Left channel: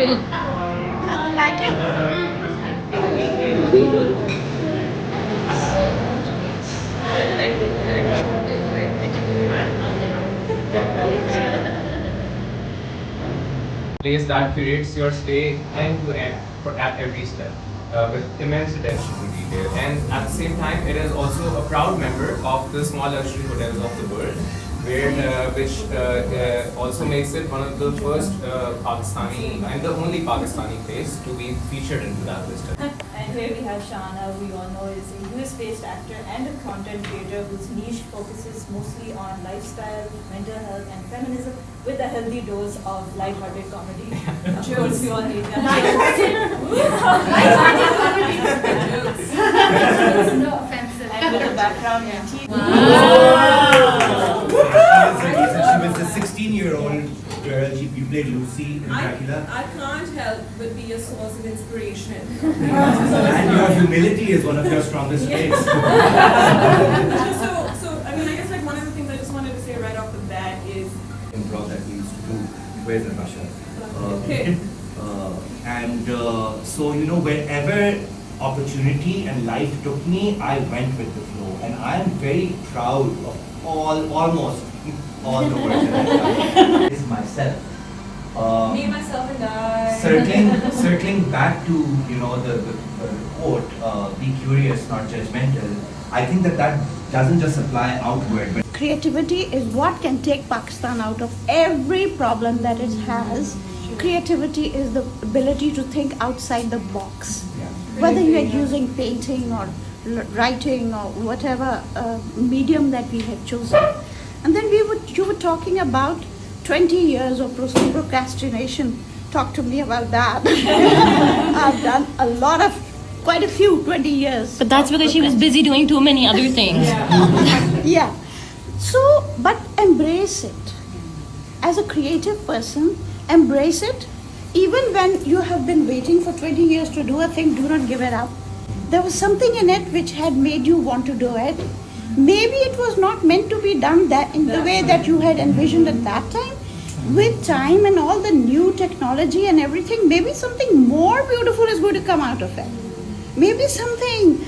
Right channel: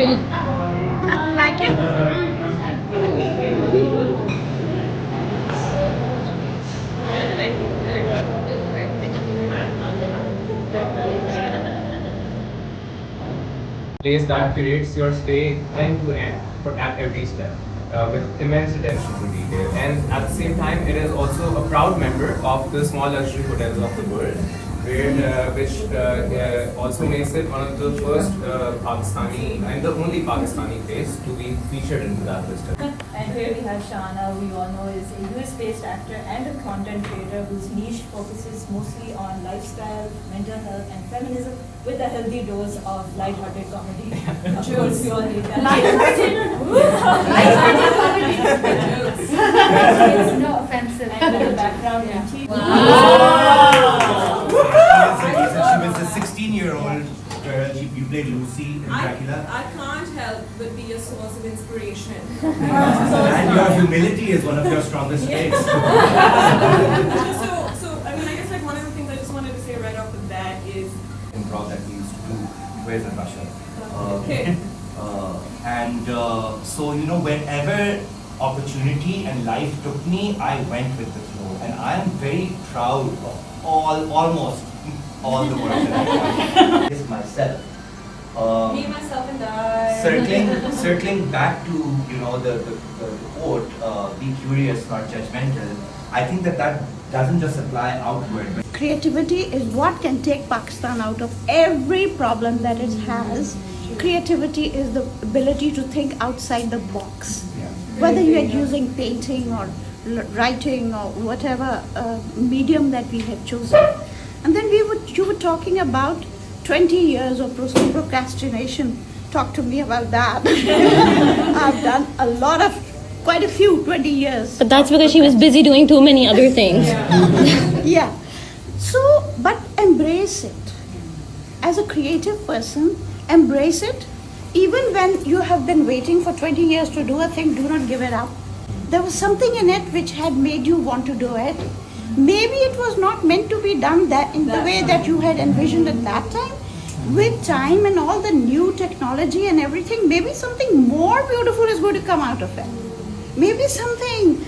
Like it? Place that curates your stay end to end at every step with immense attention to detail. And at the same time, it is also a proud member of the small luxury hotels of the world, which also makes it one of the first Pakistani and the only Pakistani place to be featured into that list. And here we have Shana, we all know is a US-based actor and a content creator whose niche focuses mostly on lifestyle, mental health, and feminism with a healthy dose of light-hearted comedy. Of course, we all need that. No offense. And with a background in TV. Wow. She was a 16-year-old girl. You played Lucy in Dracula. I can't help but be a source of inspiration. And your humility is one of your strongest traits. So, I mean, I guess like one of the things I just wanted to say right off the bat is Improv that we used to do. Where's Natasha? okay. So, you know, wherever opportunity and life took me, I went with the flow. And I'm very proud of almost all the work that I've done. It's myself. Me, myself, and I. Circling back to, you know, the quote, be curious, not judgmental. I think that doesn't just apply outward, but Creativity is what can take Pakistan out of every problem that it has. Creativity is the ability to think outside the box. Whether you are using painting or writing or whatever medium that we have chosen. And then you were talking about 20 years of procrastination. Talk to me about that. I've done quite a few 20 years. But that's because she was busy doing too many other things. Yeah. So, but embrace it. As a creative person, embrace it. Even when you have been waiting for 20 years to do a thing, do not give it up. There was something in it which had made you want to do it. Maybe it was not meant to be done that in the way that you had envisioned at that time. With time and all the new technology and everything, maybe something more beautiful is going to come out of it. Maybe something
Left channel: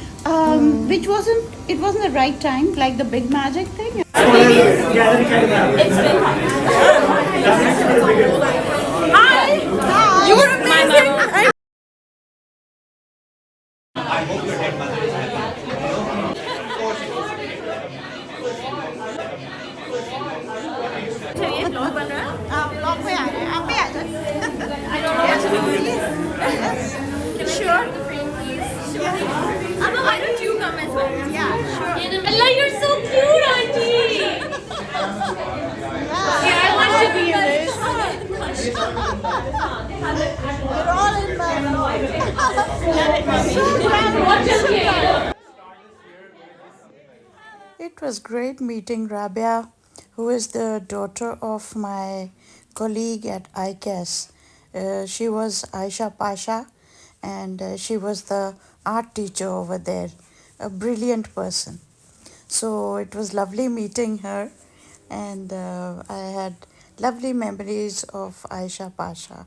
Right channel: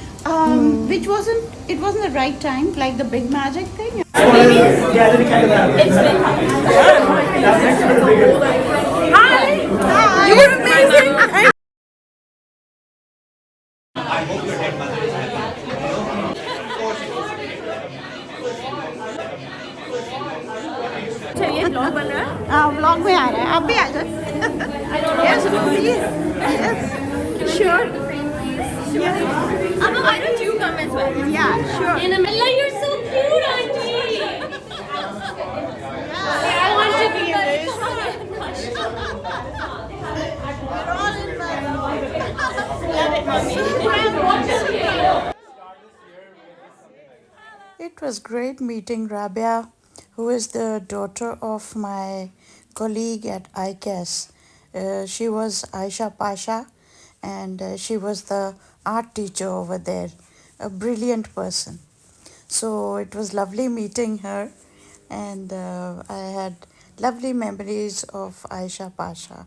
which wasn't the right time, like the big magic thing. Hi! You were amazing! I hope your dead mother is happy. Vlog में आ रहे हैं आप भी आ जाए yes please sure Amma, why don't you come as well? yeah sure Ella, you're so cute, auntie. yeah I want to be in this we're all in love. It was great meeting Rabia, who is the daughter of my colleague at ICAS. She was Aisha Pasha, and she was the art teacher over there, a brilliant person. So it was lovely meeting her, and I had lovely memories of Aisha Pasha.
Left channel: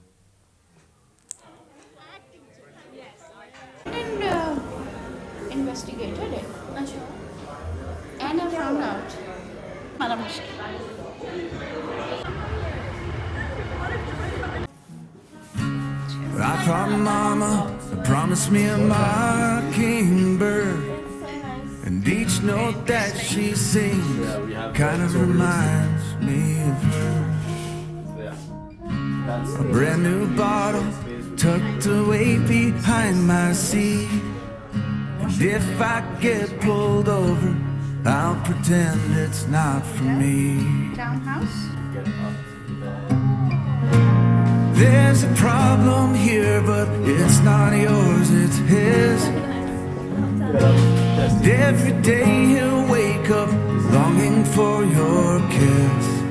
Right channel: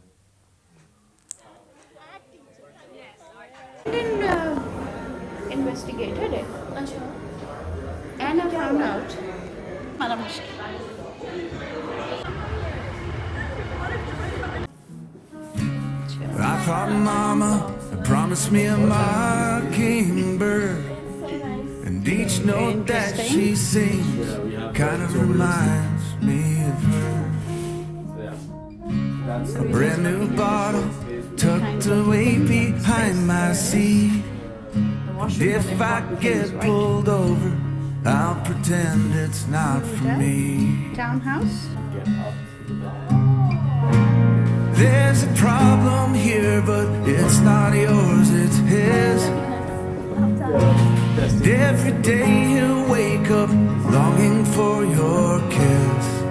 Investigated it. And I found out. Madam I thought Mama promised me a mockingbird, and each note that she sings kind of reminds me of her. A brand new bottle tucked away behind my seat, and if I get pulled over, I'll pretend it's not for me. Townhouse. There's a problem here, but it's not yours, it's his. And every day he'll wake up longing for your kiss.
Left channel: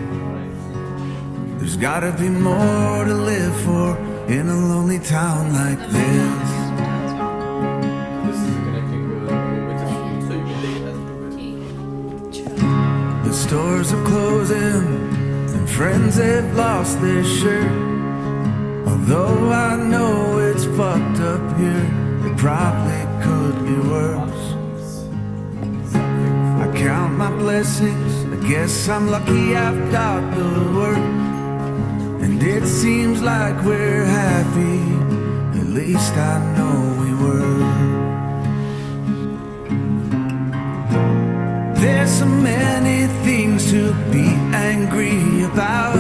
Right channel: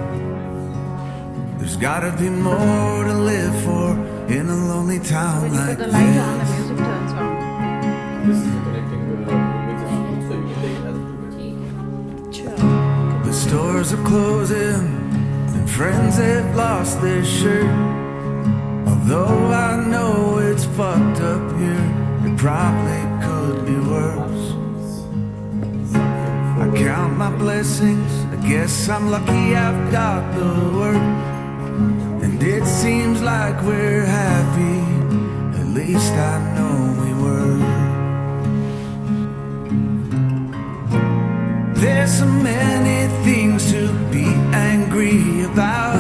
There's gotta be more to live for in a lonely town like this. The stores are closing, and friends have lost their shirt. A Though I know it's fucked up here, it probably could be worse. I count my blessings, I guess I'm lucky I've got the work. And it seems like we're happy, at least I know we were. There's so many things to be angry about,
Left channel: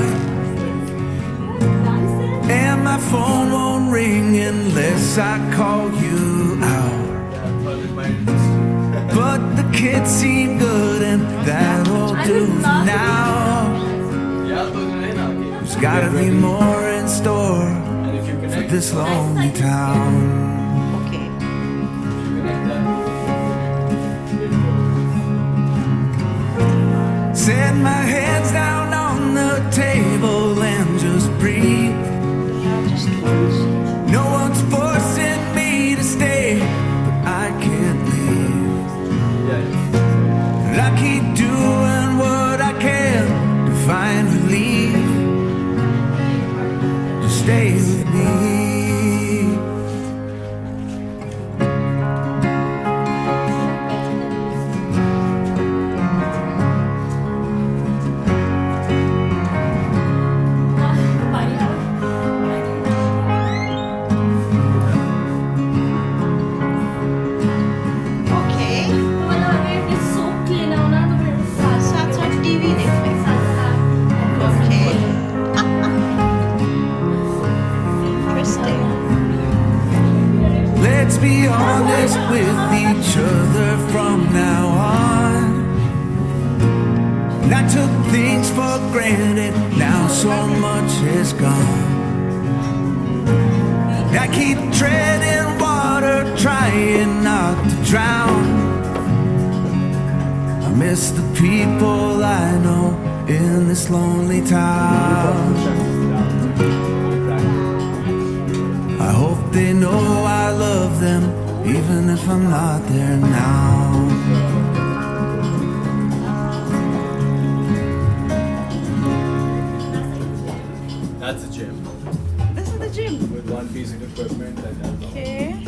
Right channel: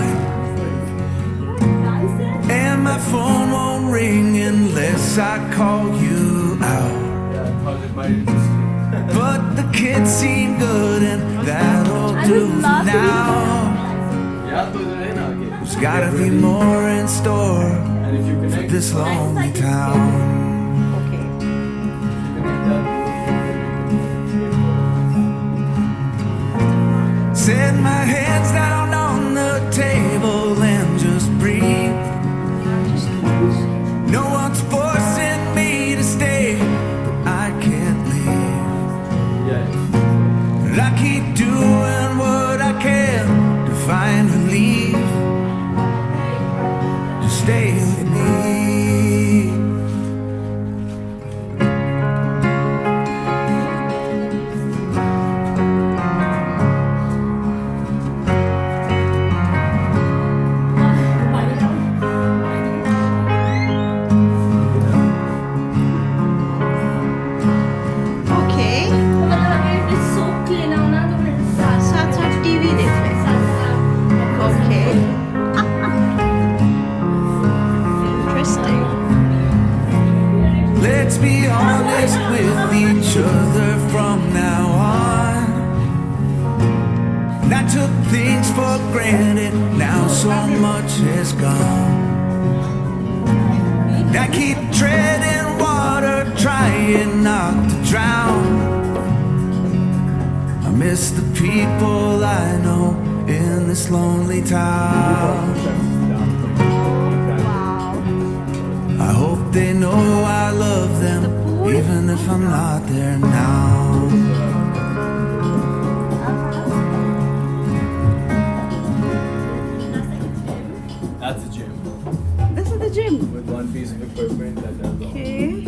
and my phone won't ring unless I call you out. But the kids seem good and that'll do for now. There's gotta be more in store for this lonely town. Set my hands down on the table and just breathe. No one's forcing me to stay, but I can't leave. And I keep doing what I can to find relief. Just stay with me. Okay. साथ साथ TV देखते हैं. Okay. Interesting. Let's be honest with each other from now on. And I took things for granted, now so much is gone. I keep treading water, trying not to drown. I miss the people I know in this lonely town. I hope they know I love them, even if I'm not there now. That's a gym This is the gym. with one piece of equipment that does all. Okay.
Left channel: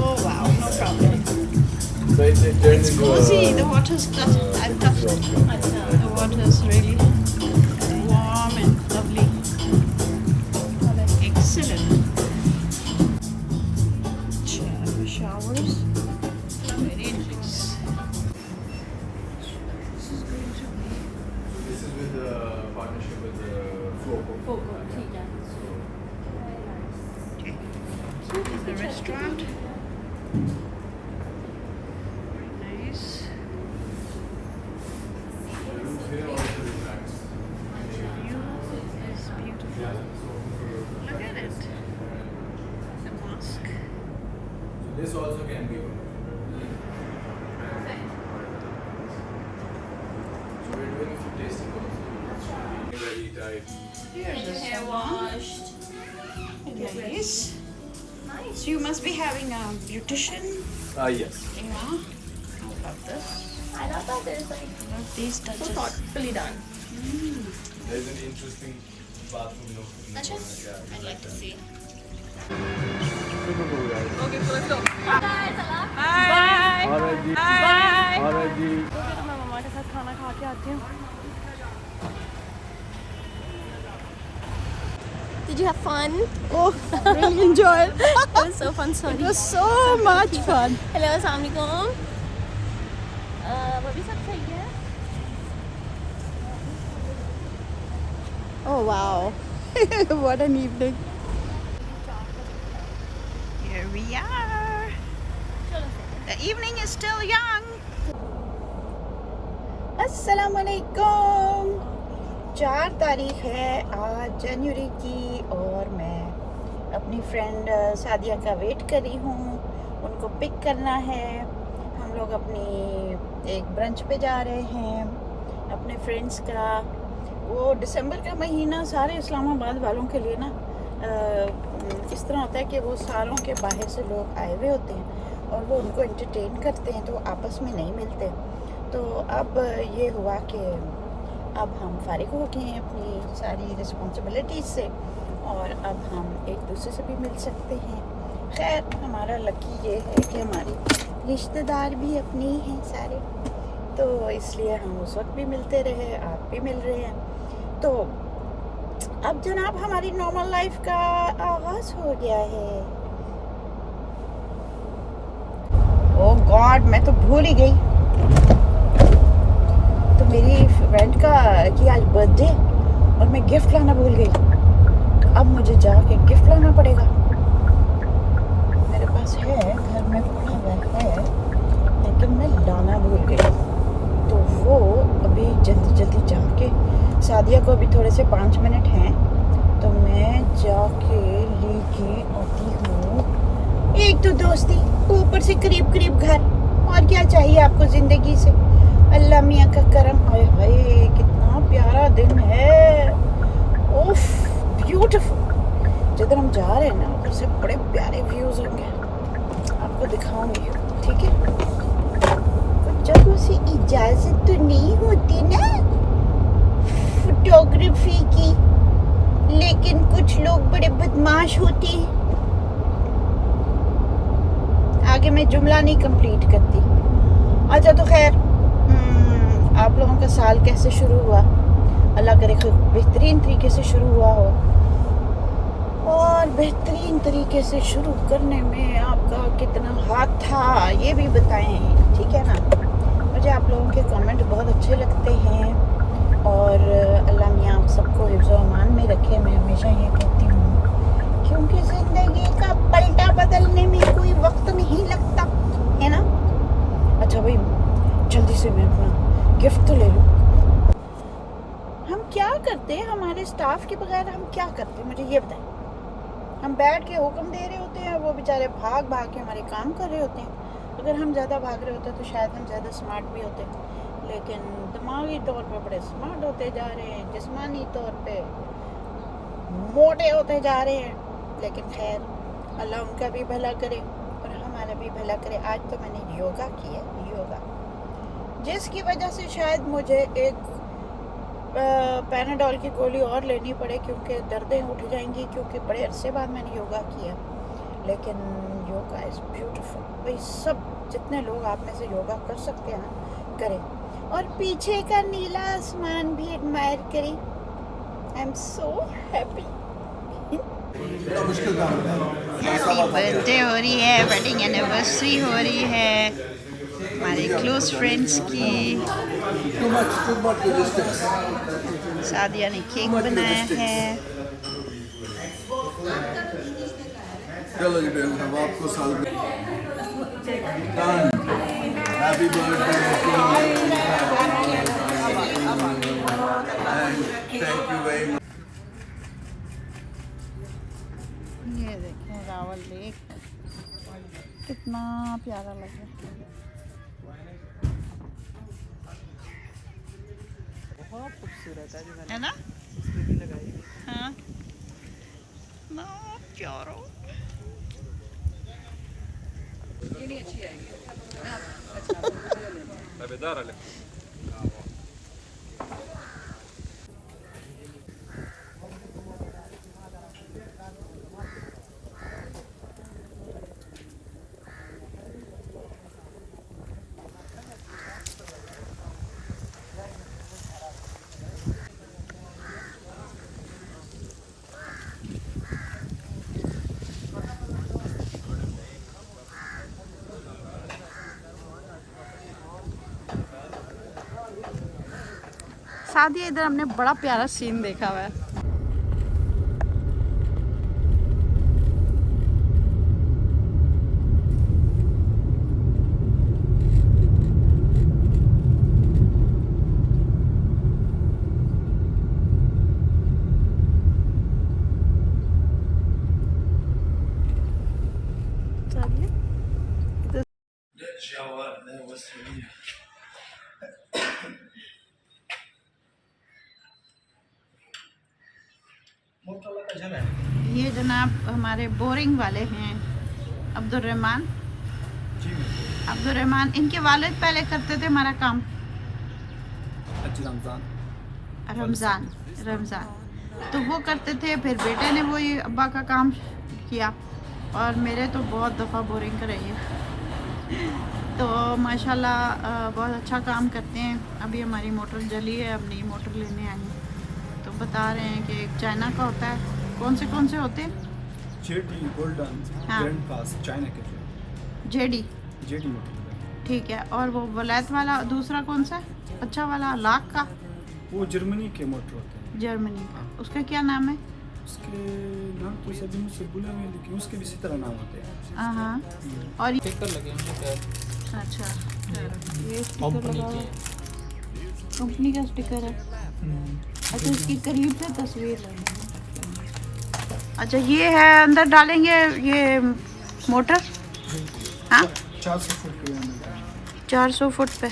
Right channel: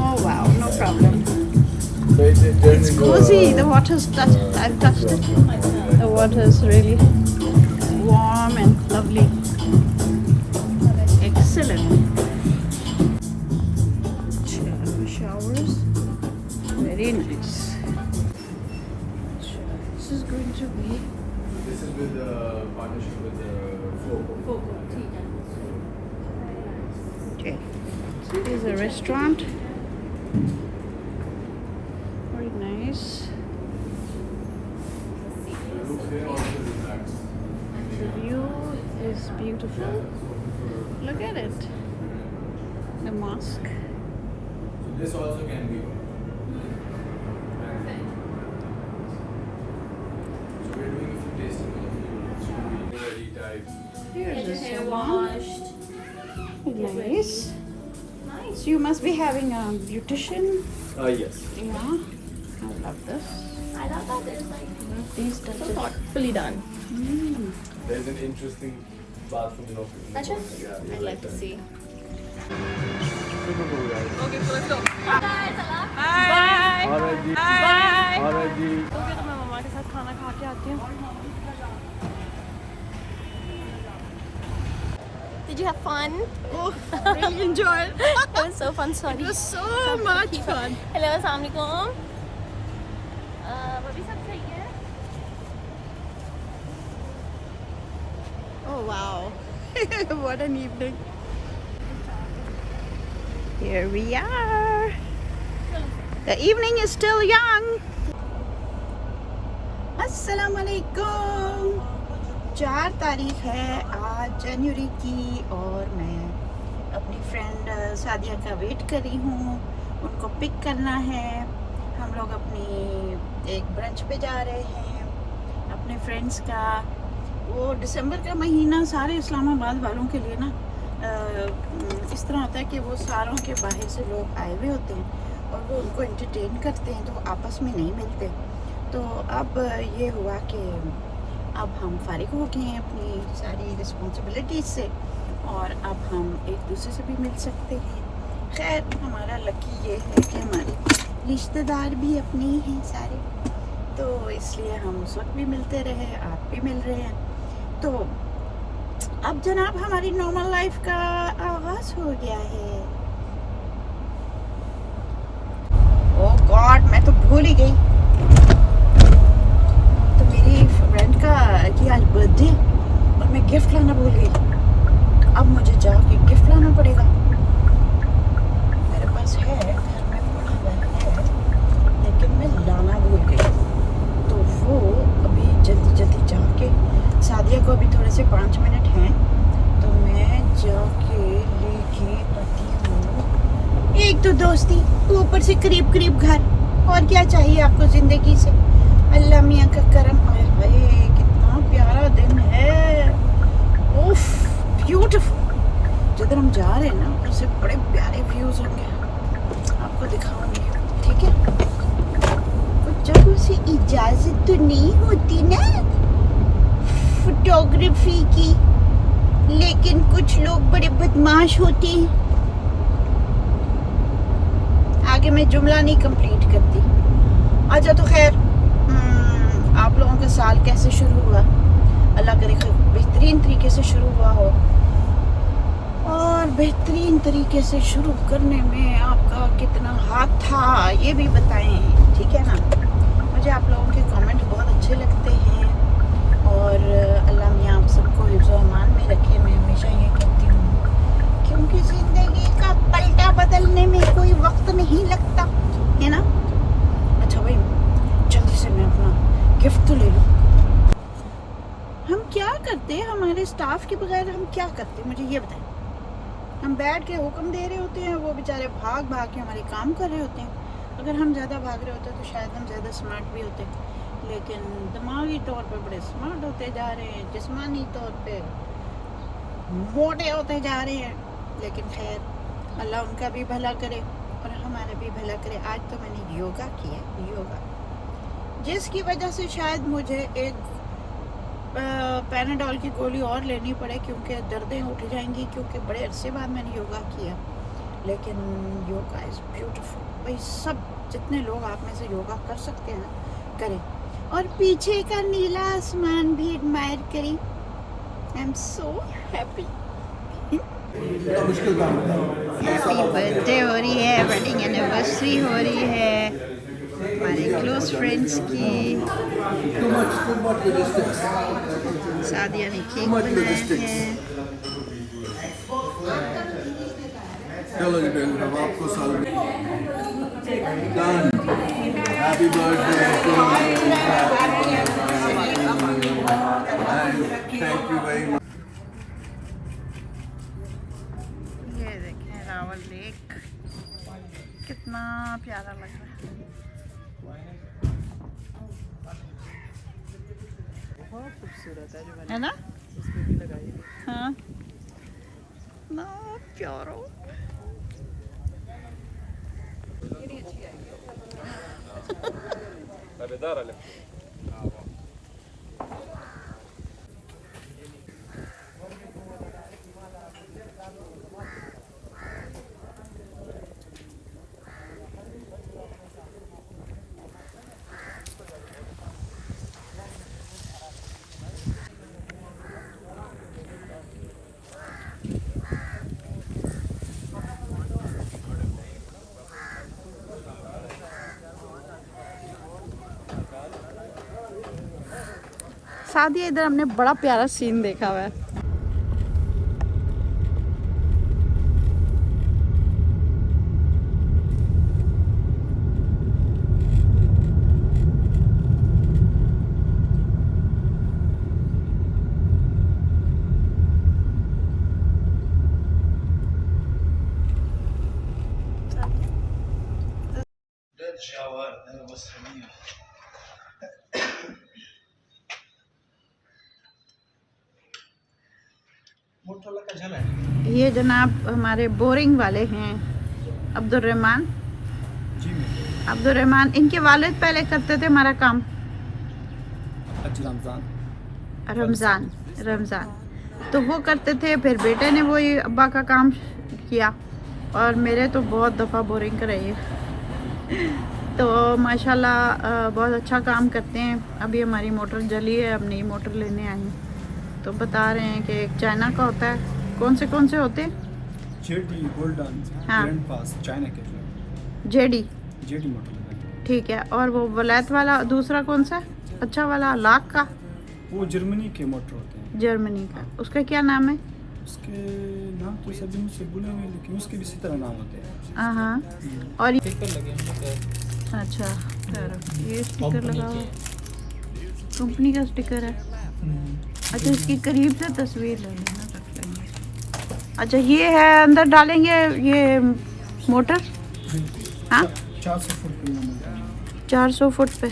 Oh wow, no problem. So it turns It's into cozy. The water's touched. I've touched it. The water is really warm and lovely. Excellent. Showers. Very nice. This is going to be. This is with the partnership with the Foco. Okay. So it is a restaurant. Very nice. The roof here also reflects. The view is beautiful. Look at it. The mosque. So this also can be. So we're doing a few tasting also. It's really type. Here's a Hair salon. washed. Nice. So you must be having a beautician. Yes. Yeah. I love this. I love that there's like Love these so touches. thoughtfully done. There's an interesting bathroom location. That's just Yeah. I'd like to see. Super cool, guys. Okay, so let's go. Bye guys, I love Alright, ji. Bye. Alright, ji. Did you have fun? Oh, really enjoyed. It was so fun. Sorry. It was so much fun. Hello, assalamualaikum. Bobby, सब सही है? Oh wow. What an evening. Here we are. The evening is still young. Assalamualaikum. 4 तारीख है आज जनवरी की और मैं अपनी फ्रेंड सादिया का वेट कर रही हूँ. उनको पिक करना है. हम लोग अपनी एक ब्रंच पे जा रहे हैं अपने फ्रेंड्स का. वो दिसंबर का महीना सारे इस्लामाबाद वालों के लिए ना इस तरह होता है कि वो सालों के बाहर से लोग आए हुए होते हैं और वो उनको एंटरटेन करते हैं, तो आपस में नहीं मिलते। तो अब ये हुआ कि अब हम फारिग हो गए हैं अपनी सारी रिस्पॉन्सिबिलिटीज से और अब हम एक दूसरे से भी मिल सकते हैं। खैर हमारा लकी ये है कि हमारे रिश्तेदार भी अपने ही हैं सारे, तो इसलिए हम उस वक्त भी मिलते रहे, आप भी मिल रहे हैं। तो अब जनाब हमारी नॉर्मल लाइफ का आगाज हो गया है। ओह गॉड, मैं तो भूल ही गई। तो मेरी फ्रेंड का कि आज बर्थडे और मैं गिफ्ट लाना भूल गई। अब मुझे जाके गिफ्ट लाना पड़ेगा। मेरे पास है, घर में पड़ा हुआ है, लेकिन मैं लाना भूल गई। तो वो अभी जल्दी जल्दी जाके, सादिया को अभी थोड़े से 5 मिनट हैं, तो मैं जाके लेके आती हूँ। एक तो दोस्ती, ऊपर से करीब करीब घर, और क्या चाहिए आपको ज़िंदगी से। अल्लाह मियाँ का करम। हाय हाय कितना प्यारा दिन है, उफ ब्यूटीफुल। जिधर हम जा रहे हैं ना उधर से बड़े प्यारे व्यूज़ होंगे, आपको दिखाऊंगी, ठीक है। कुछ जगहों से इजाज़त तो नहीं होती ना फोटोग्राफी की, लेकिन कुछ लोग बड़े बदमाश होते हैं। आगे मैं जुमला नहीं कंप्लीट करती। अच्छा तो खैर, आप लोगों का साल कैसे शुरू हुआ? अल्लाह करे बेहतरीन तरीके से शुरू हुआ हो, और बेहतरीन तरीके से शुरू करने में आपका कितना हाथ था ये भी बताएं, ठीक है ना। मुझे आप लोगों के कमेंट बहुत अच्छे लगते हैं और अल्लाह मियाँ आप सबको हिफ्ज़ व अमान में रखे। मैं हमेशा ये कहती हूँ, क्योंकि ज़िंदगी का पलटा बदलने में कोई वक्त नहीं लगता, है ना। अच्छा भाई, जल्दी से मैं अपना गिफ्ट तो ले लूँ। हम क्या करते हैं, हमारे स्टाफ के बगैर हम क्या करते हैं, मुझे ये बताएं। हम बैठ के हुक्म दे रहे होते हैं, वो बेचारे भाग भाग के हमारे काम कर रहे होते हैं। अगर हम ज़्यादा भाग रहे होते तो शायद हम ज़्यादा स्मार्ट भी होते, लेकिन दिमागी तौर पर बड़े स्मार्ट होते जा रहे हैं, जिस्मानी तौर पे मोटे होते जा रहे हैं। लेकिन खैर, अल्लाह उनका भी भला करे और हमारा भी भला करे। आज तो मैंने योगा किया, योगा, जिसकी वजह से शायद मुझे एक पैनाडोल की गोली और लेनी पड़े, क्योंकि दर्दें उठ जाएंगी, क्योंकि बड़े अरसे बाद मैंने योगा किया। लेकिन योगा इज़ ब्यूटीफुल। भाई सब जितने लोग आप में से योगा कर सकते हैं ना, करें, और पीछे का नीला आसमान भी एडमायर करें। I am so happy. मुश्किल काम हैप्पी बर्थडे हो रही है, वेडिंग एनिवर्सरी हो रही है हमारे क्लोज फ्रेंड्स की। टू मच डिस्टेंस सादिया ने केक बनाया है। चलो जी बहन, अब आपको साल में happy birthday to thank you very much. ये देखें रावल लेक, कितना प्यारा लग रहा है। बहुत खूबसूरत है ना। हाँ ना, प्यारा। सादिया, इधर हमने बड़ा प्यारा सीन देखा हुआ है। ये ये जनाब हमारे बोरिंग वाले हैं अब्दुर्रहमान। जी मैम। अब्दुर्रहमान, इनके वालिद पहले करते थे हमारा काम रमज़ान तो वो करते थे, फिर बेटे ने वही अब्बा का काम किया और मेरे तो बहुत दफ़ा बोरिंग कराई है। तो माशाल्लाह बहुत अच्छा काम करते हैं। अभी हमारी मोटर जली है, अब नई मोटर लेने आई हैं। तो बता रहे हैं कि एक चाइना का होता है, कौन से होते हैं? जेडी गोल्डन हाँ। ग्रैंड पास चाइना के जो जेडी मोटर ठीक है। और वो वलैत वाला दूसरा कौन सा अच्छा वाला लाख का? वो जर्मनी के मोटर होते हैं। जर्मनी का, उसका क्या नाम है? उसके नाम तो सभी मुझसे भूले हुए हैं, लेकिन उसके भी इसी तरह नाम होते हैं। हाँ। और अच्छा ये स्टिकर लगा हुआ है, कंपनी का स्टिकर है। अच्छा इसकी करीब से तस्वीर। अच्छा ये है, अंदर डालेंगे ये मोटर। हाँ 400 फुट पे यहाँ मिलता है। 400 फुट पे।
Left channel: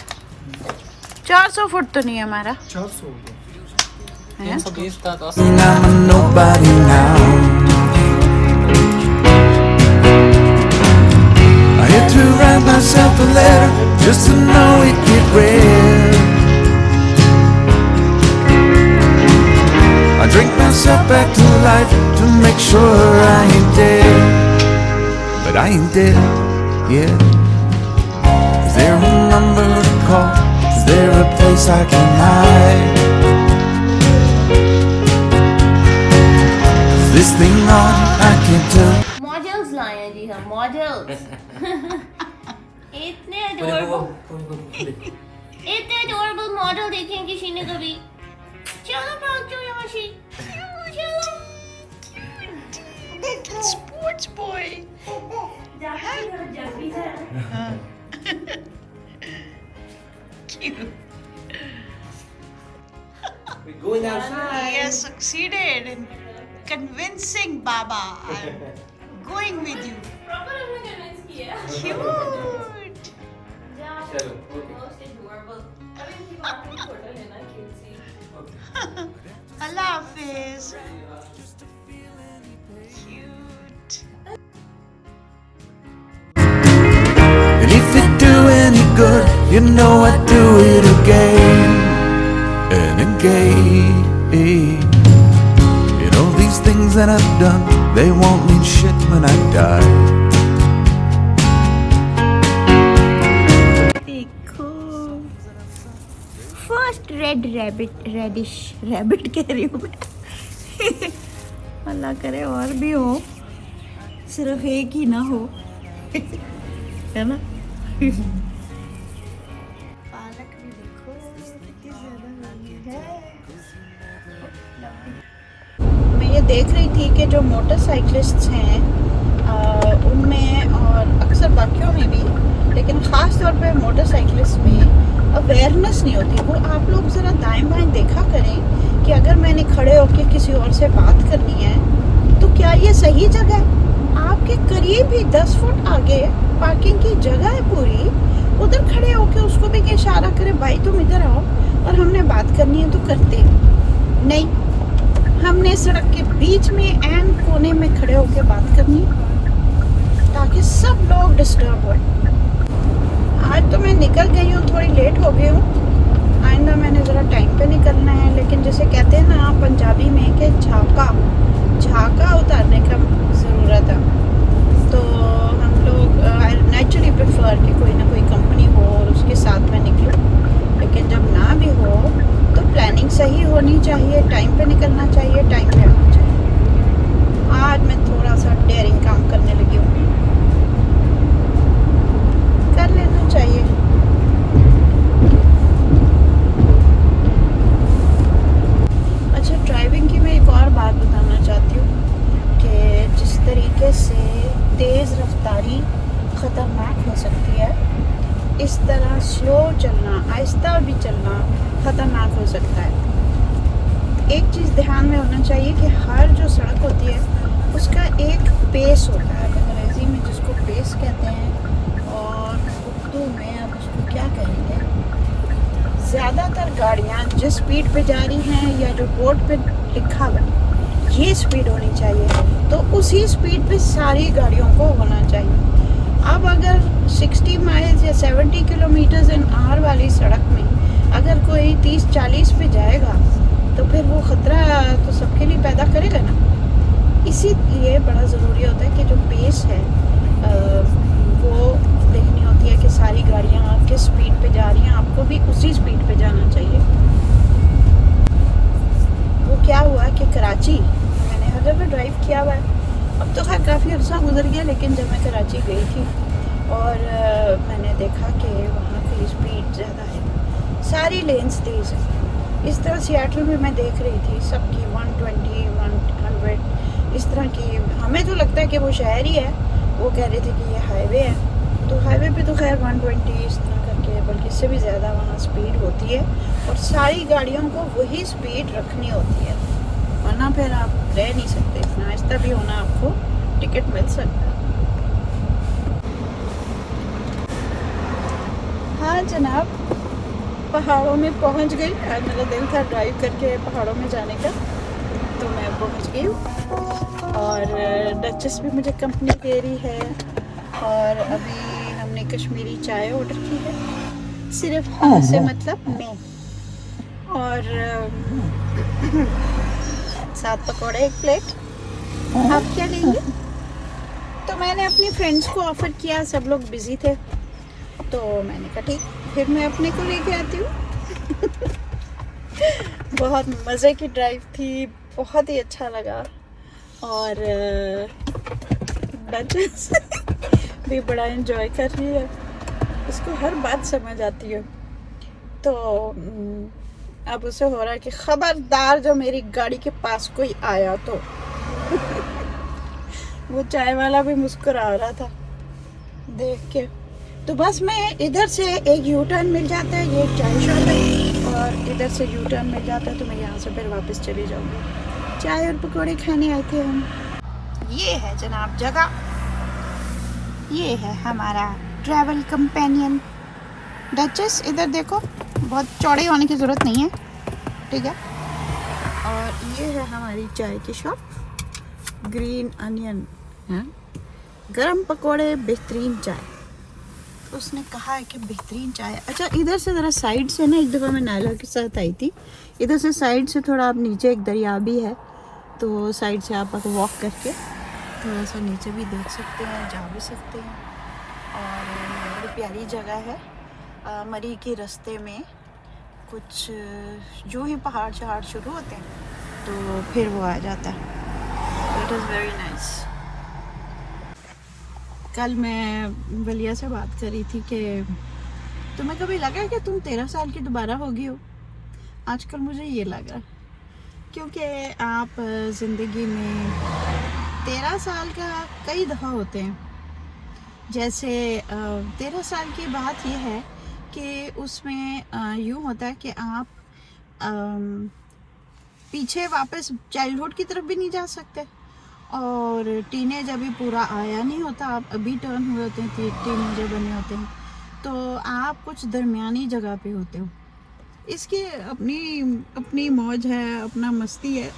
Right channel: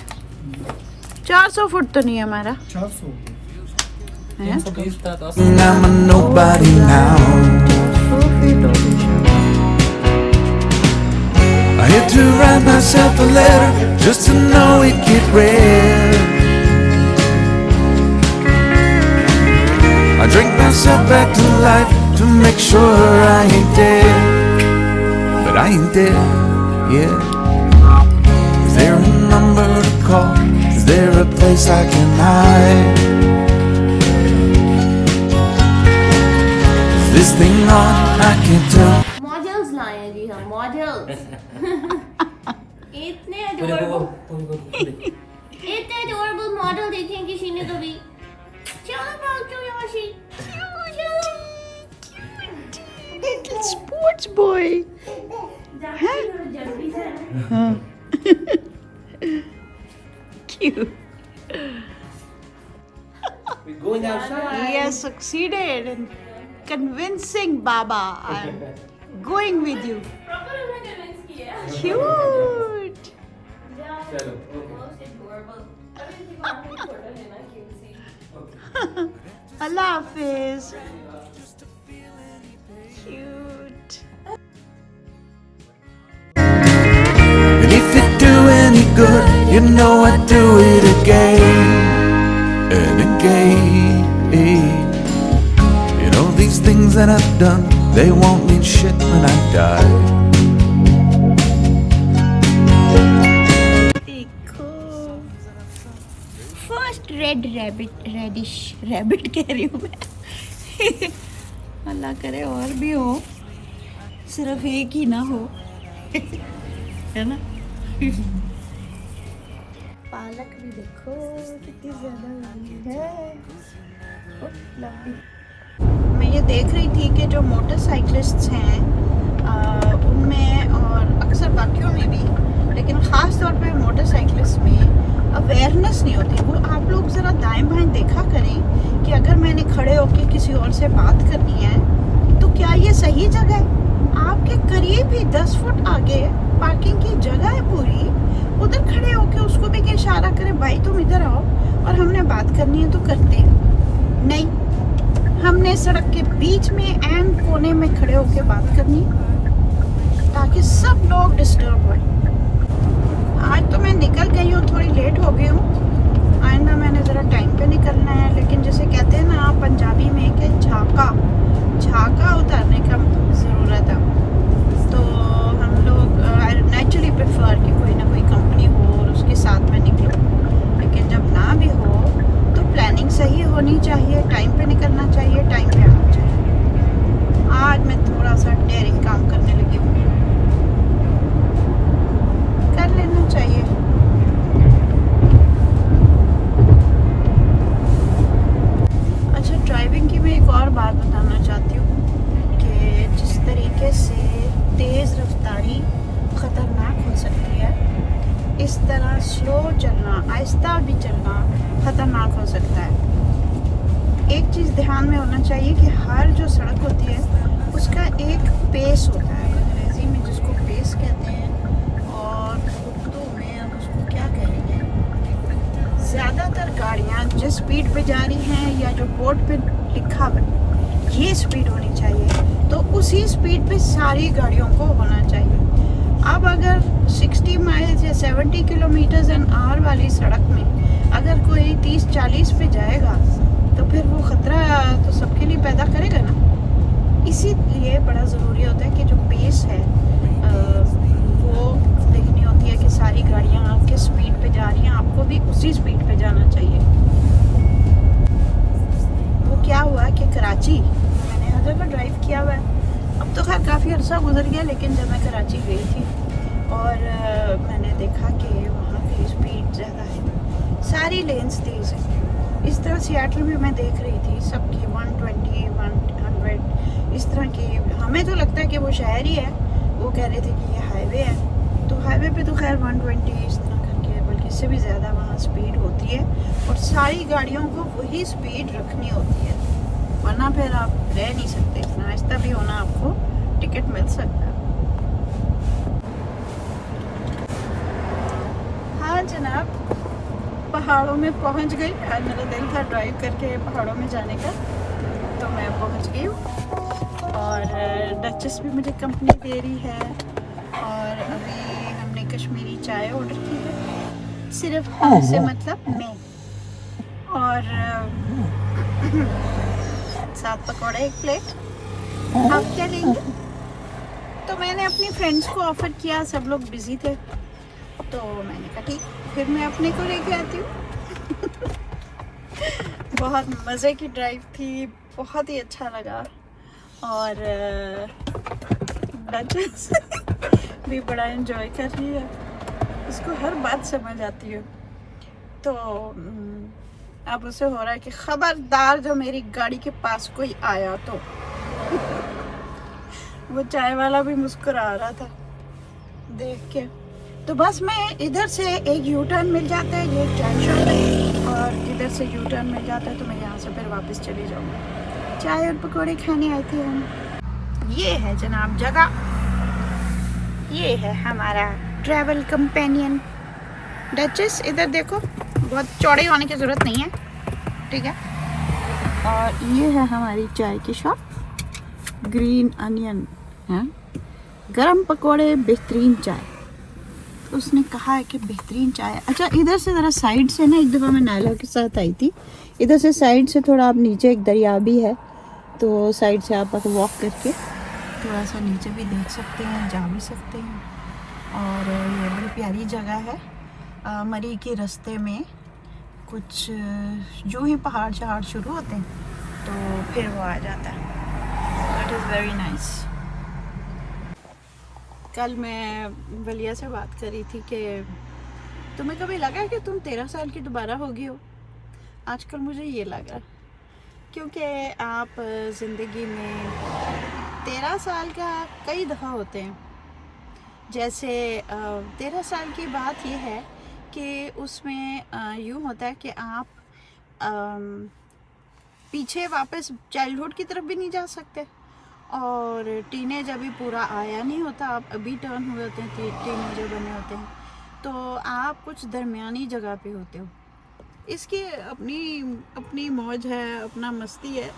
400 फुट तो नहीं है हमारा 400 है। I'm a nobody now. I had to write myself a letter just to know it get read. I drink myself back to life to make sure I ain't dead. But I ain't dead yet. Is there a number to call? Is there a place I can hide? Is this thing on? I can't tell. Models लाए हैं जी हम, models. इतने adorable model देखे हैं किसी ने कभी? चलो भागो यहाँ से। Sports boy. Cute. We're going outside. He has succeeded in convincing Baba. I'm going with you. Proper हमने कन्विंस किया। Cute. चलो, okay. Most adorable। अब इनकी बात में फोटो लेना cute C. Allah Hafiz. Cute. And if it do any good, you know I'd do it again and again. You know these things that I've done, they won't mean shit when I die. देखो first reddish rabbit कह रही हूँ मैं। अल्लाह करे और भी हो, सिर्फ एक ही ना हो, है ना। पालक भी देखो कितनी ज्यादा लंबी है। मैं ये देख रही थी कि जो मोटरसाइकिलिस्ट्स हैं उनमें और अक्सर बाकियों में भी, लेकिन ख़ास तौर पे मोटरसाइकिलिस्ट में अवेयरनेस नहीं होती। वो आप लोग ज़रा दाएं बाएं देखा करें कि अगर मैंने खड़े होकर किसी और से बात करनी है तो क्या ये सही जगह है? आपके करीब ही 10 फुट आगे पार्किंग की जगह है पूरी, उधर खड़े होकर उसको भी इशारा करें भाई तुम इधर आओ और हमने बात करनी है तो करते नहीं। हमने सड़क के बीच में एन कोने में खड़े होकर बात करनी है ताकि सब लोग डिस्टर्ब हो। आज तो मैं निकल गई हूँ, थोड़ी लेट हो गई हूँ। आइंदा मैंने ज़रा टाइम पे निकलना है, लेकिन जैसे कहते हैं ना पंजाबी में कि झाका उतारने का ज़रूरत है। तो हम लोग नेचुरली प्रेफर कि कोई ना कोई कंपनी हो और उसके साथ में निकलूँ, लेकिन जब ना भी हो तो प्लानिंग सही होनी चाहिए, टाइम पे निकलना चाहिए, टाइम पे आना चाहिए। आज मैं थोड़ा सा डेयरिंग काम करने लगी हूँ, कर लेना चाहिए। अच्छा ड्राइविंग की मैं एक और बात बताना चाहती हूँ कि जिस तरीके से तेज़ रफ्तारी ख़तरनाक हो सकती है, इस तरह स्लो चलना, आहिस्ता भी चलना ख़तरनाक हो सकता है। एक चीज़ ध्यान में होना चाहिए कि हर जो सड़क होती है उसका एक पेस होता है, अंग्रेज़ी में जिसको पेस कहते हैं और उर्दू में आप उसको क्या कहेंगे। ज़्यादातर गाड़ियाँ जिस स्पीड पे जा रही हैं या जो बोर्ड पे लिखा हुआ ये स्पीड होनी चाहिए, तो उसी स्पीड पे सारी गाड़ियों को होना चाहिए। अब अगर 60 माइल्स या 70 किलोमीटर्स एन आवर वाली सड़क में अगर कोई 30-40 पे जाएगा तो फिर वो ख़तरा तो सबके लिए पैदा करेगा ना। इसीलिए बड़ा ज़रूरी होता है कि जो पेस है वो देखनी होती है कि सारी गाड़ियाँ किस स्पीड पे जा रही हैं, आपको भी उसी स्पीड पे जाना चाहिए। वो क्या हुआ कि कराची मैंने हर जगह ड्राइव किया हुआ है, अब तो खैर काफ़ी अर्सा गुजर गया, लेकिन जब मैं कराची गई थी और मैंने देखा कि वहाँ की स्पीड ज़्यादा है, सारी लेन्स तेज़ हैं। इस तरह सियाटल में मैं देख रही थी सबकी 120, 100 इस तरह की। हमें तो लगता है कि वो शहर ही है, वो कह रहे थे कि ये हाईवे है, तो हाईवे पे तो खैर 120 इस तरह करके, बल्कि इससे भी ज़्यादा वहाँ स्पीड होती है और सारी गाड़ियों को वही स्पीड रखनी होती है, वरना फिर आप रह नहीं सकते। इतना आहिस्ता भी होना, आपको टिकट मिल सकता है। हाँ जनाब, पहाड़ों में पहुंच गई। आज मेरा दिल था ड्राइव करके पहाड़ों में जाने का, तो मैं पहुंच गई हूँ और डचेस भी मुझे कंपनी दे रही है। और अभी हमने कश्मीरी चाय ऑर्डर की है, सिर्फ हम से मतलब मैं, और साथ पकौड़े 1 प्लेट। आप क्या लेंगे? तो मैंने अपनी फ्रेंड्स को ऑफ़र किया, सब लोग बिजी थे, तो मैंने कहा ठीक, फिर मैं अपने को लेके आती हूँ। बहुत मज़े की ड्राइव थी, बहुत ही अच्छा लगा। और डचेस भी बड़ा एंजॉय कर रही है, उसको हर बात समझ आती है। तो अब उसे हो रहा है कि खबरदार जो मेरी गाड़ी के पास कोई आया तो। वो चाय वाला भी मुस्कुरा रहा था देख के। तो बस मैं इधर से एक यू टर्न मिल जाता है, ये एक चाय शॉप है, और इधर से यू टर्न मिल जाता है, तो मैं यहाँ से फिर वापस चली जाऊँगी। चाय और पकौड़े खाने आए थे हम। ये है जनाब जगह, ये है हमारा ट्रैवल कंपेनियन डचेस। इधर देखो, बहुत चौड़े होने की ज़रूरत नहीं है, ठीक है। और ये है हमारी चाय की शॉप, ग्रीन अनियन है, गरम पकोड़े, बेहतरीन चाय। तो उसने कहा है कि बेहतरीन चाय। अच्छा, इधर से ज़रा साइड से ना, एक दफ़ा मैं नायला के साथ आई थी, इधर से साइड से थोड़ा आप नीचे, एक दरिया भी है, तो साइड से आप वॉक करके थोड़ा सा नीचे भी देख सकते हैं, जा भी सकते हैं। और ये बड़ी प्यारी जगह है। मरी के रास्ते में कुछ जो ही पहाड़ शहाड़ शुरू होते हैं तो फिर वो आ जाता है। It is very nice. कल मैं बलिया से बात करी थी कि तुम्हें कभी लगा कि तुम 13 साल की दोबारा होगी हो? आजकल मुझे ये लगा, क्योंकि आप ज़िंदगी में 13 साल का कई दफ़ा होते हैं। जैसे 13 साल की बात यह है कि उसमें यूँ होता है कि आप पीछे वापस चाइल्डहुड की तरफ भी नहीं जा सकते, और टीनेज अभी पूरा आया नहीं होता, आप अभी टर्न हुए होते हैं, टीनेजर बने होते हैं, तो आप कुछ दरमियानी जगह पे होते हो। इसकी अपनी मौज है, अपना मस्ती है।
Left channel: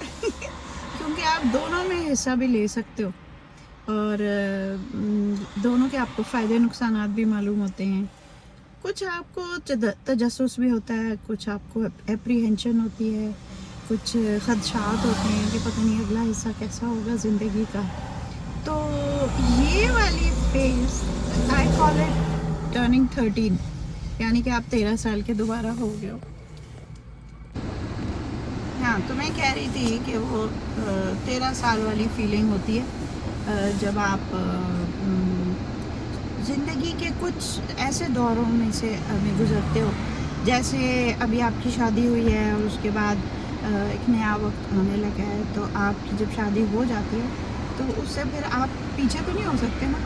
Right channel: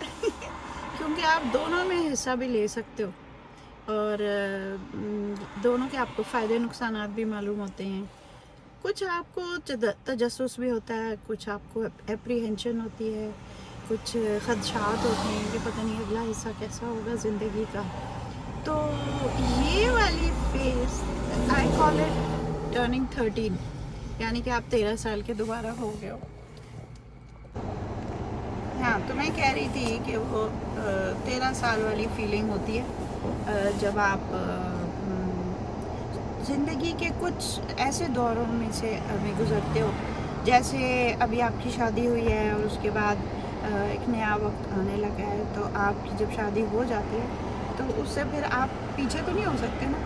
क्योंकि आप दोनों में हिस्सा भी ले सकते हो, और दोनों के आपको फ़ायदे नुकसानात भी मालूम होते हैं। कुछ आपको तजस्सुस भी होता है, कुछ आपको एप्रीहेंशन होती है, कुछ खदशात होते हैं कि पता नहीं अगला हिस्सा कैसा होगा ज़िंदगी का। तो ये वाली phase I call it turning 13, यानी कि आप 13 साल के दोबारा हो गए हो। हाँ, तो मैं कह रही थी कि वो 13 साल वाली फीलिंग होती है जब आप ज़िंदगी के कुछ ऐसे दौरों में से अभी गुज़रते हो। जैसे अभी आपकी शादी हुई है और उसके बाद एक नया वक्त आने लगा है, तो आपकी जब शादी हो जाती है तो उससे फिर आप पीछे तो नहीं हो सकते ना।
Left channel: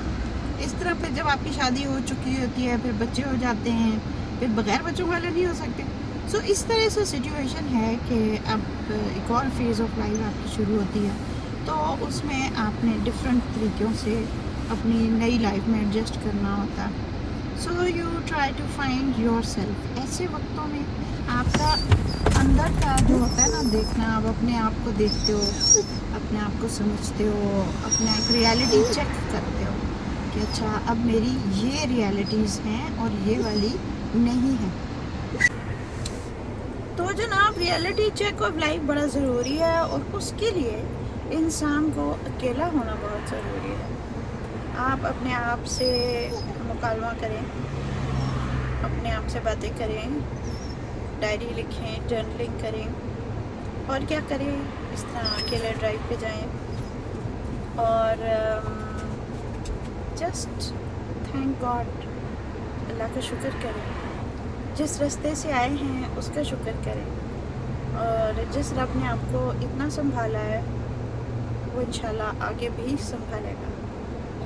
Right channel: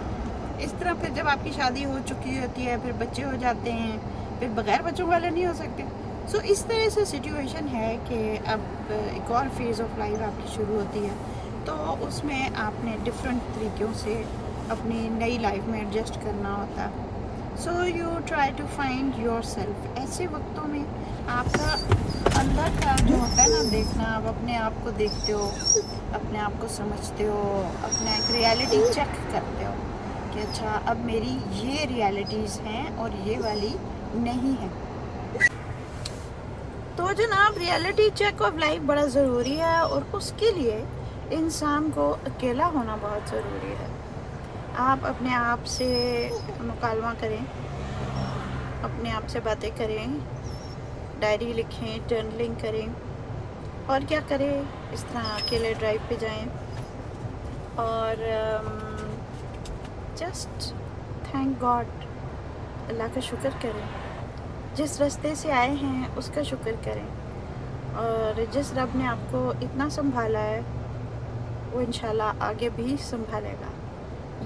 इस तरह फिर जब आपकी शादी हो चुकी होती है, फिर बच्चे हो जाते हैं, फिर बगैर बच्चों वाले नहीं हो सकते। सो इस तरह से सिचुएशन है कि अब एक और फेज़ ऑफ लाइफ आपकी शुरू होती है, तो उसमें आपने डिफरेंट तरीक़ों से अपनी नई लाइफ में एडजस्ट करना होता है। So you try to find yourself. ऐसे वक्तों में आपका अंदर का जो होता है ना देखना, आप अपने आप को देखते हो, अपने आप को समझते हो, अपने एक रियलिटी चेक करते हो कि अच्छा अब मेरी ये रियलिटीज़ हैं और ये वाली नहीं है। तो जनाब रियलिटी चेक ऑफ लाइफ बड़ा ज़रूरी है और उसके लिए इंसान को अकेला होना बहुत ज़रूरी है। आप अपने आप से मुकालमा करें, अपने आप से बातें करें, डायरी लिखें, जर्नलिंग करें और क्या करें, इस तरह अकेले ड्राइव पे जाएं और जस्ट थैंक गॉड, अल्लाह का शुक्र करें। जिस रास्ते से आए हैं उसका शुक्र करें और जिस रब ने आपको इतना संभाला है वो इंशाल्लाह आगे भी संभालेगा।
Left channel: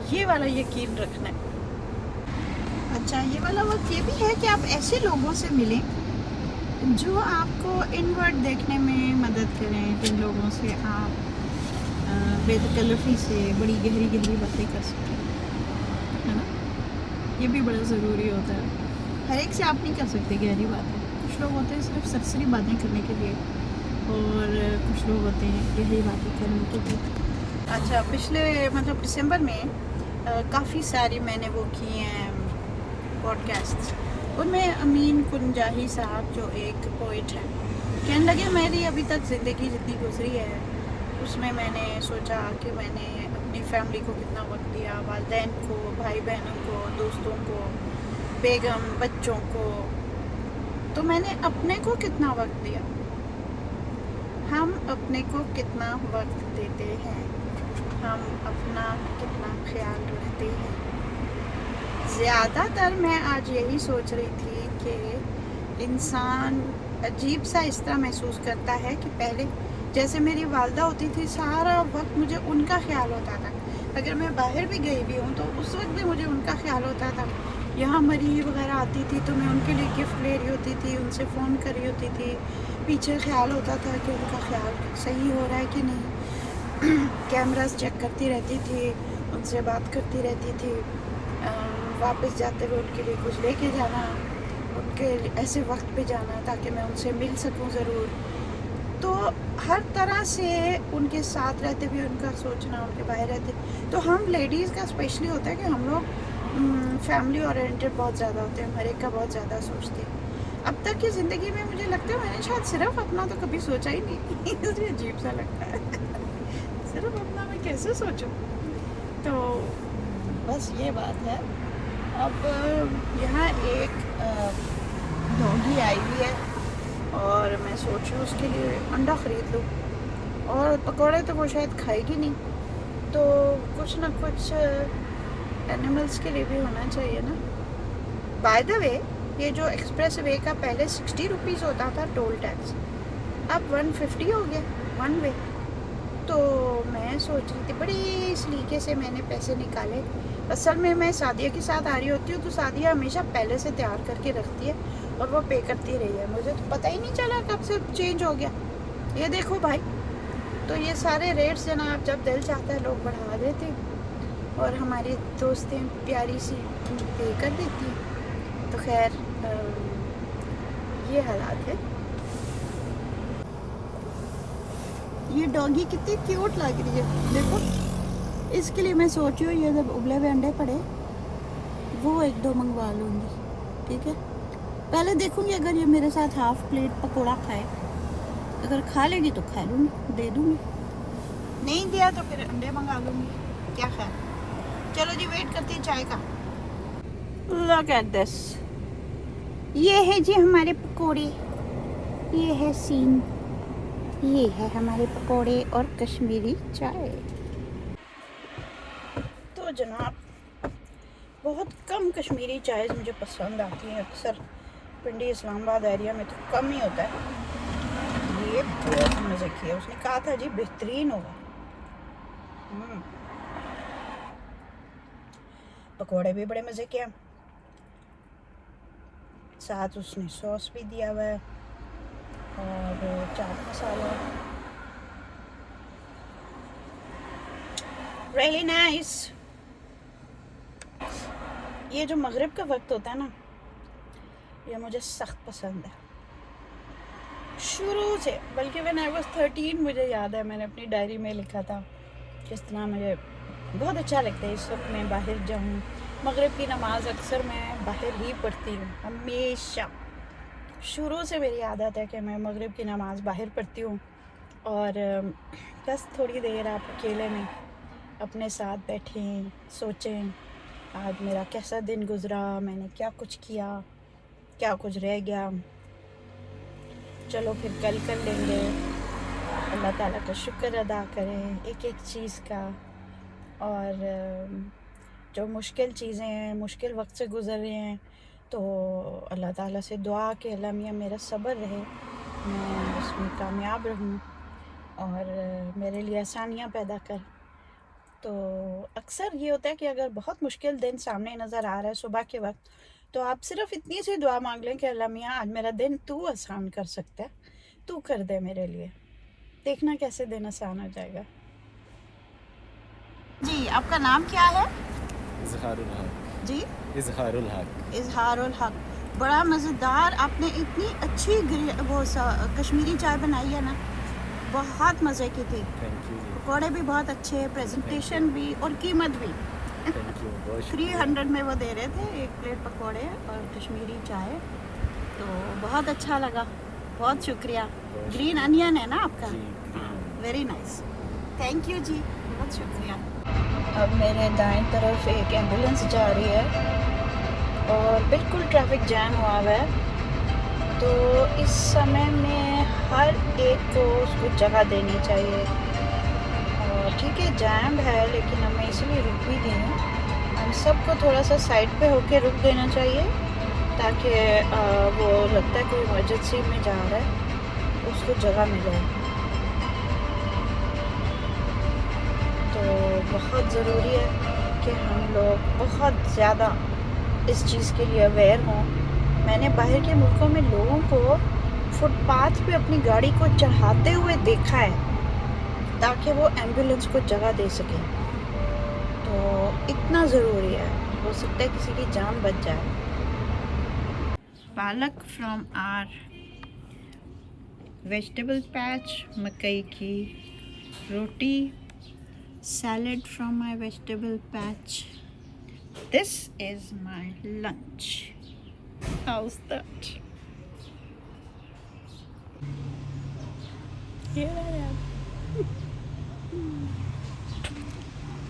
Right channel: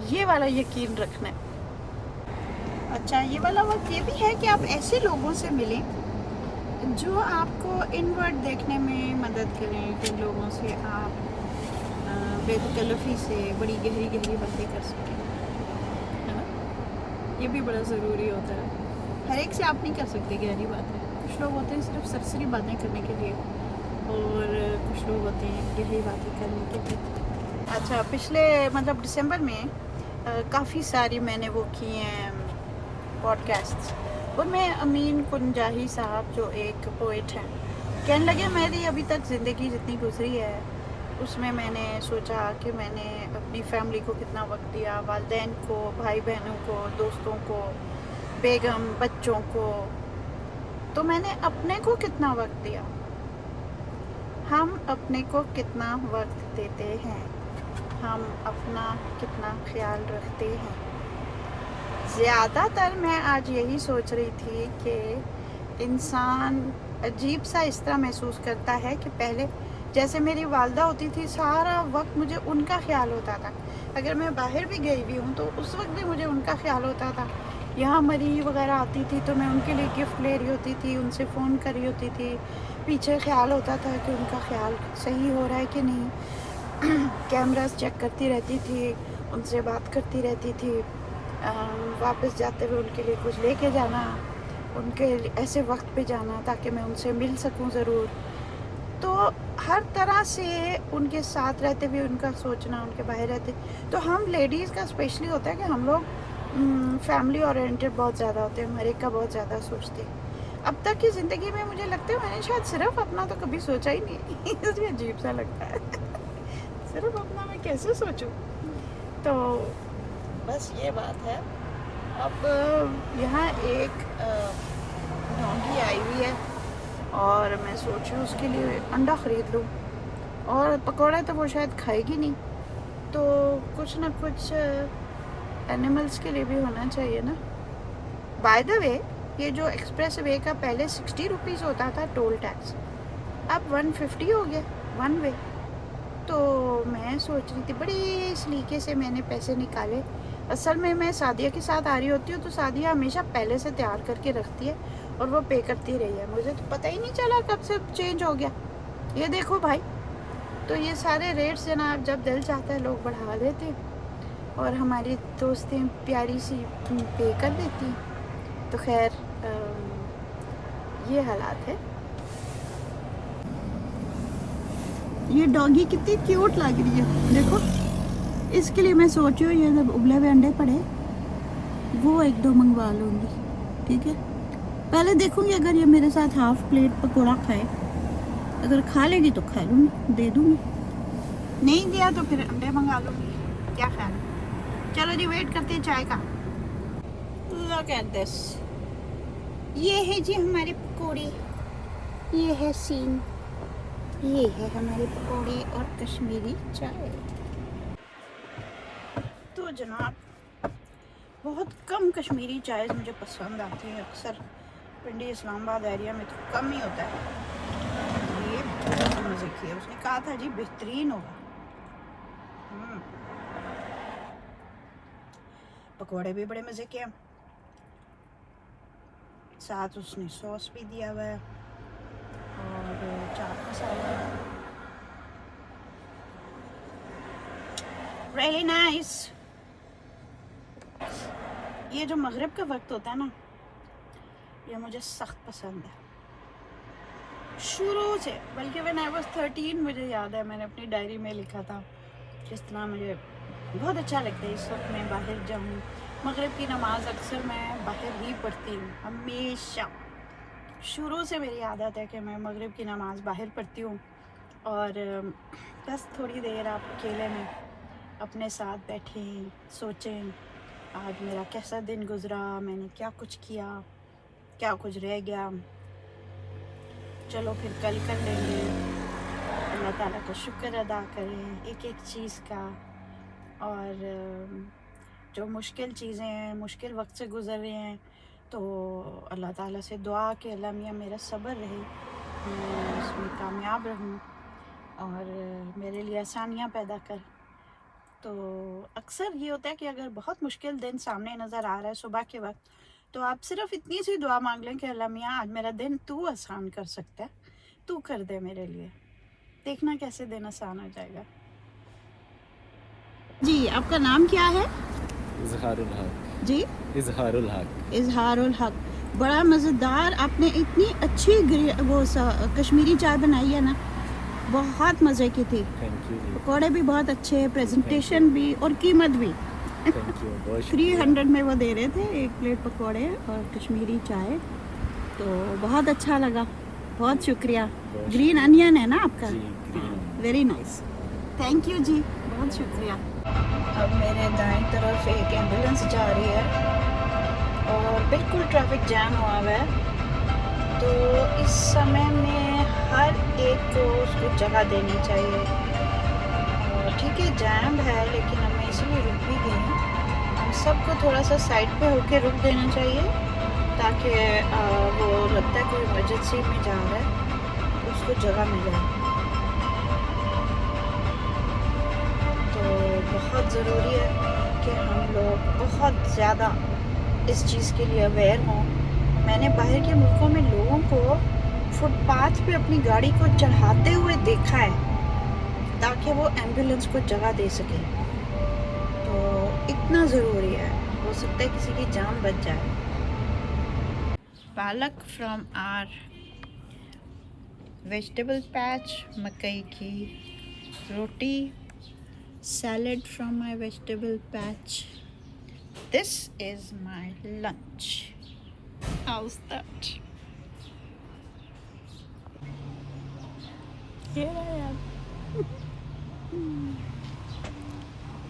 ये वाला यकीन रखना है। अच्छा ये वाला वक्त ये भी है कि आप ऐसे लोगों से मिलें जो आपको इनवर्ड देखने में मदद करें, जिन लोगों से आप बेतकल्लफ़ी से बड़ी गहरी गहरी बातें कर सकें, है ना। ये भी बड़ा ज़रूरी होता है। हर एक से आप नहीं कर सकते गहरी बातें। कुछ लोग होते हैं सिर्फ सरसरी बातें करने के लिए और कुछ लोग होते हैं गहरी बातें करने के लिए। अच्छा पिछले मतलब दिसंबर में काफ़ी सारी मैंने वो की हैं पॉडकास्ट। उनमें अमीन कुंजाही साहब जो एक पोइट हैं कहने लगे मेरी अभी तक ज़िंदगी जितनी गुजरी है उसमें मैंने सोचा कि मैंने अपनी फैमिली को कितना वक्त दिया, वालिदैन को, भाई बहनों को, दोस्तों को, बेगम, बच्चों को, तो मैंने अपने को कितना वक्त दिया। हम अपने को कितना वक्त देते हैं, हम अपना कितना ख्याल रखते हैं। ज़्यादातर मैं आज यही सोच रही थी कि इंसान अजीब सा इस तरह महसूस करता है कि पहले जैसे मेरी वालदा होती थी सारा वक्त मुझे उनका ख्याल होता था। अगर मैं बाहर भी गई हुई हूँ तो उस वक्त भी मुझे उनका ख्याल होता था। यहाँ मरी वगैरह आती थी तो मैं उनके लिए गिफ्ट ले रही होती थी, उनसे फ़ोन कर रही होती थी, पीछे ख्याल होता था कि उनका ख्याल सही हो रहा है कि नहीं। कैमरास चेक करती रहती थी, उनसे बात करती रहती थी, वापस जाते हुए उनके लिए कुछ लेके जाना, उनके ऐसे वक्त पे जाना ताकि मैं उनसे मिल सकूं ज़रूर। तो हर तरह से उनके साथ रहते हुए उनका सोचना, उनके बाहर रहते। तो हम लेडीज़ का स्पेशली होता है कि हम लोग फैमिली ओरिएंटेड बहुत ज़्यादा होते हैं, हर एक का बहुत ज़्यादा सोचते हैं। अब तक की ज़िंदगी में मुझे लगता है मैंने शायद सिर्फ अपना तो कभी सोचा ही नहीं। इसलिए अजीब सा लगता है सिर्फ अपना मैं कैसे सोचूं। तो बस ये बात है। अब यहाँ एक डॉगी आई हुई है और मैं सोच रही हूँ उसके लिए अंडा ख़रीद लूँ, और पकौड़े तो वो शायद खाएगी नहीं, तो कुछ ना कुछ एनिमल्स के लिए भी होना चाहिए ना। बाय द वे ये जो एक्सप्रेस वे का पहले 60 रुपीज़ होता था टोल टैक्स, अब 150 हो गया वन वे। तो मैं सोच रही थी बड़ी सलीके से मैंने पैसे निकाले। असल में मैं सादिया के साथ आ रही होती हूँ तो सादिया हमेशा पहले से तैयार करके रखती है और वो पे करती रही है, मुझे तो पता ही नहीं चला कब से चेंज हो गया। ये देखो भाई, तो ये सारे रेट्स जनाब जब दिल चाहता है लोग बढ़ा देते हैं और हमारी दोस्तें प्यारी सी पे कर देती हैं। तो खैर ये हालात है। ये डॉगी कितनी क्यूट लग रही है देखो। इसके लिए मैं सोच रही हूँ ये जब उबले हुए अंडे पड़े वो एक दो मंगवा लूँगी, ठीक है। पहले देखूँगी अगर ये मेरे साथ हाफ प्लेट पकौड़ा खाए, अगर खा लेगी तो खा लूँगी, दे दूँगी, नहीं दिया तो फिर अंडे मंगा लूँगी। क्या ख्याल? चलो जी वेट करते हैं चाय का। Look at this, ये है जी हमारे पकौड़े, ये है सीन, ये है हमारे पकौड़े और कश्मीरी चाय। तो जनाब बहुत कम कश्मीरी चाय मुझे पसंद आती है, अक्सर पिंडी इस्लामाबाद एरिया में तो कम ही होता है। ये बहुत मज़े किया, उसने कहा था जी बेहतरीन होगा। पकौड़े भी बड़े मज़े के, साथ उसने सॉस भी दिया हुआ है और चाट मसाला। Really nice. ये जो मगरिब का वक्त होता है ना, ये मुझे सख्त पसंद है शुरू से। बल्कि व्हेन आई वाज 13 मुझे याद है मैंने अपनी डायरी में लिखा था किस तरह मुझे बहुत अच्छा लगता है इस वक्त मैं बाहर जाऊँ। मगरिब की नमाज अक्सर मैं बाहर ही पढ़ती हूँ हमेशा। शुरू से मेरी आदत है कि मैं मगरिब की नमाज बाहर पढ़ती हूँ और बस थोड़ी देर आप अकेले में अपने साथ बैठें, सोचें आज मेरा कैसा दिन गुजरा, मैंने क्या कुछ किया, क्या कुछ रह गया, चलो फिर कल कर लेंगे। अल्लाह ताला का शुक्र अदा करें एक एक चीज़ का। और जो मुश्किल चीज़ें हैं, मुश्किल वक्त से गुज़र रहे हैं, तो अल्लाह ताला से दुआ कि अल्लाह मियाँ मेरा सब्र रहे, मैं उसमें कामयाब रहूँ और मेरे लिए आसानियाँ पैदा कर। तो अक्सर ये होता है कि अगर बहुत मुश्किल दिन सामने नज़र आ रहा है सुबह के वक्त, तो आप सिर्फ इतनी सी दुआ मांग लें कि अल्लाह मियाँ आज मेरा दिन तू आसान कर सकता है, तू कर दे मेरे लिए, देखना कैसे दिन आसान हो जाएगा। जी आपका नाम क्या है? इजहारुल हक। जी इजहारुल हक। इजहारुल हक। बड़ा मज़ेदार, आपने इतनी अच्छी कश्मीरी चाय बनाई है ना, बहुत मज़े की थी। थैंक यू जी। पकौड़े भी बहुत अच्छे, प्रेजेंटेशन भी और कीमत भी। थैंक यू, बहुत 300 में वो दे रहे थे एक प्लेट पकौड़े और कश्मीरी चाय, तो बहुत अच्छा लगा, बहुत शुक्रिया। बहुत ग्रीन अनियन है ना आपका? जी, green. Very nice, thank you जी, बहुत शुक्रिया। अब मेरे दाएं तरफ एक एम्बुलेंस जा रही है और बिल्कुल ट्रैफिक जैम हुआ हुआ है, तो इस समय में हर एक को उसको जगह देनी चाहिए। और ठीक है जैम है, लेकिन अब मैं इसलिए रुक भी गई हूँ। हम सबको थोड़ा सा साइड पे होके रुक देना चाहिए ताकि वो लगता है कोई इमरजेंसी में जा रहा है उसको जगह मिल जाए। तो बहुत ज़रूरी है कि हम लोग बहुत ज़्यादा इस चीज़ के लिए अवेयर हों। मैंने बाहर के मुल्कों में लोगों को फुटपाथ पे अपनी गाड़ी को चढ़ाते हुए देखा है ताकि वो एम्बुलेंस को जगह दे सकें। तो इतना ज़रूरी है, हो सकता है किसी की जान बच जाए। पालक फ्रॉम आर वेजिटेबल पैच, मकई की रोटी, salad from my vegetable patch. This is my lunch. How's that? Yeah.